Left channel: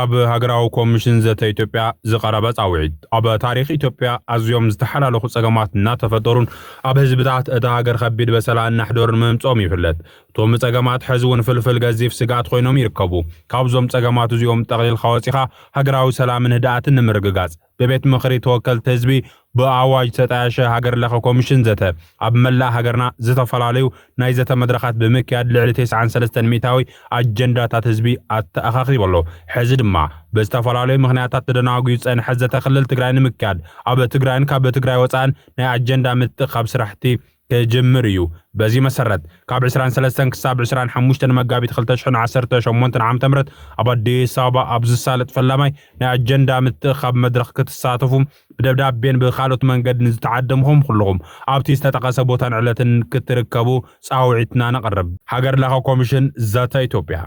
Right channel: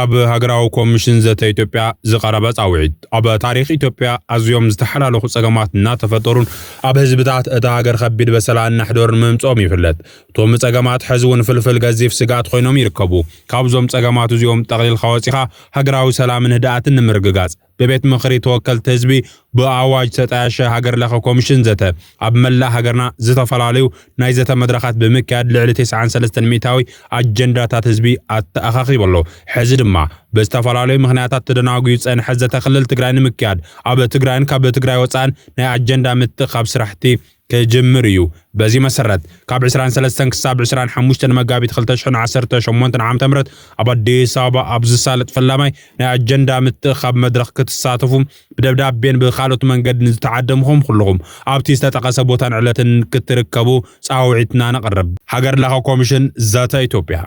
ካብ ሃገራዊ ኮሚሽን ዘተ ኢትዮጵያ ዝቀረበ ጻውዒት ኣብ ታሪኽ ኢትዮጵያ ኣዝዮም ዝተሓላለኹ ጸገማት እናተፈጠሩን ኣብ ህዝብታት እታ ሃገር ከቢድ በሰላን ናሕዶርን ምምጾም ይፍለጥ። እቶም ጸገማት ሕዚ እውን ፍልፍል ገዚፍ ስጋት ኮይኖም ይርከቡ። ካብዞም ጸገማት እዚኦም ጠቕሊልካ ወፂኻ ሃገራዊ ሰላምን ህድኣትን ንምርግጋጽ በቤት ምኽሪ ተወከልቲ ህዝቢ ብኣዋጅ ተጣየሸ ሃገር ለኸ ኮሚሽን ዘተ ኣብ መላእ ሃገርና ዝተፈላለዩ ናይ ዘተ መድረኻት ብምክያድ ልዕሊ 93 ሚእታዊ ኣጀንዳታት ህዝቢ ኣተኣኻኺቡ ኣሎ። ሕዚ ድማ ብዝተፈላለዩ ምኽንያታት ተደናጉዩ ዝጸንሐ ዘተ ክልል ትግራይ ንምክያድ ኣብ ትግራይን ካብ ትግራይ ወፃእን ናይ ኣጀንዳ ምትኻብ ስራሕቲ كجمر እዩ በዚ መሰረት ካብ 23 ክሳብ 25 መጋቢት 2018 ዓም ተምረት ኣብ አዲስ አበባ ኣብ ዝሳለጥ ፈላማይ ናይ አጀንዳ ምትኻብ መድረኽ ክትሳተፉ ብደብዳቤን ብኻልኦት መንገዲ ዝተዓደምኩም ኩልኩም ኣብቲ ዝተጠቀሰ ቦታን ዕለትን ክትርከቡ ጻውዒትና ነቀርብ ሃገር ለኸ ኮሚሽን ዛታ ኢትዮጵያ